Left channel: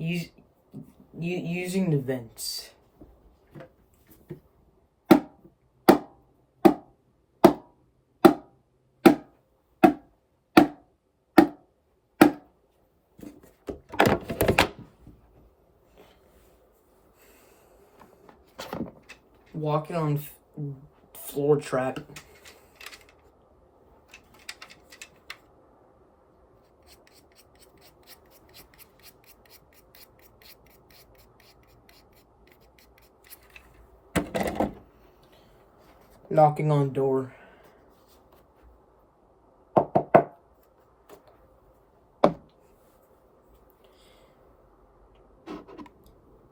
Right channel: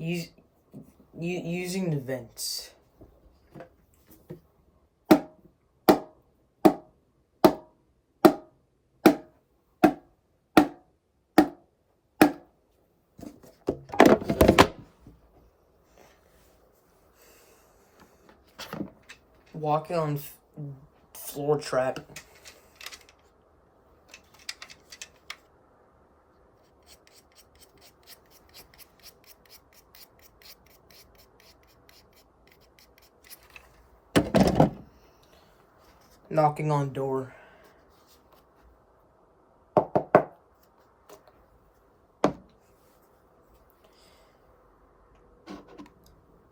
Use, using the vents. Walking on floor trap. Knocking on door.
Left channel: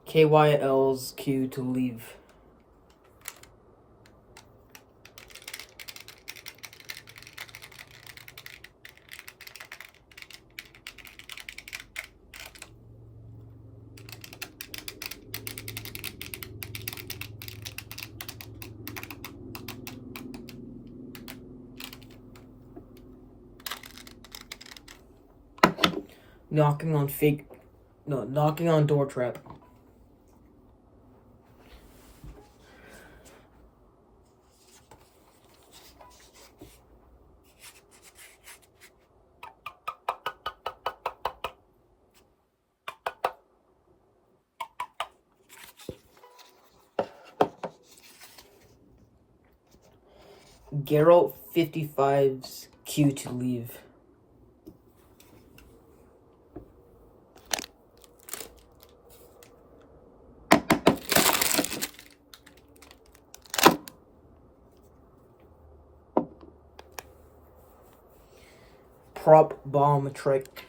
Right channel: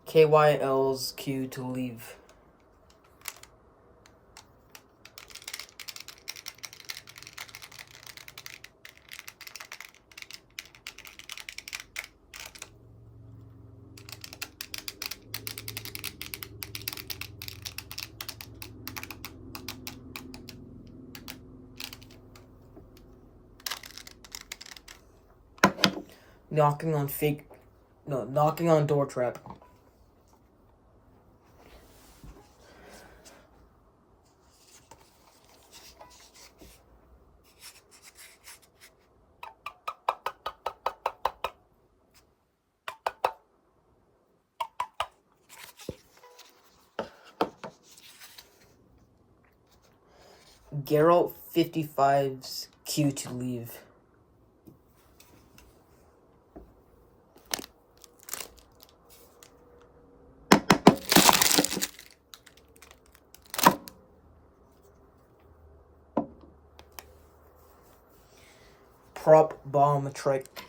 KYL's cue to leave. Knocking on door trap. Geralt 55's cue to leave. Prop bomb trick.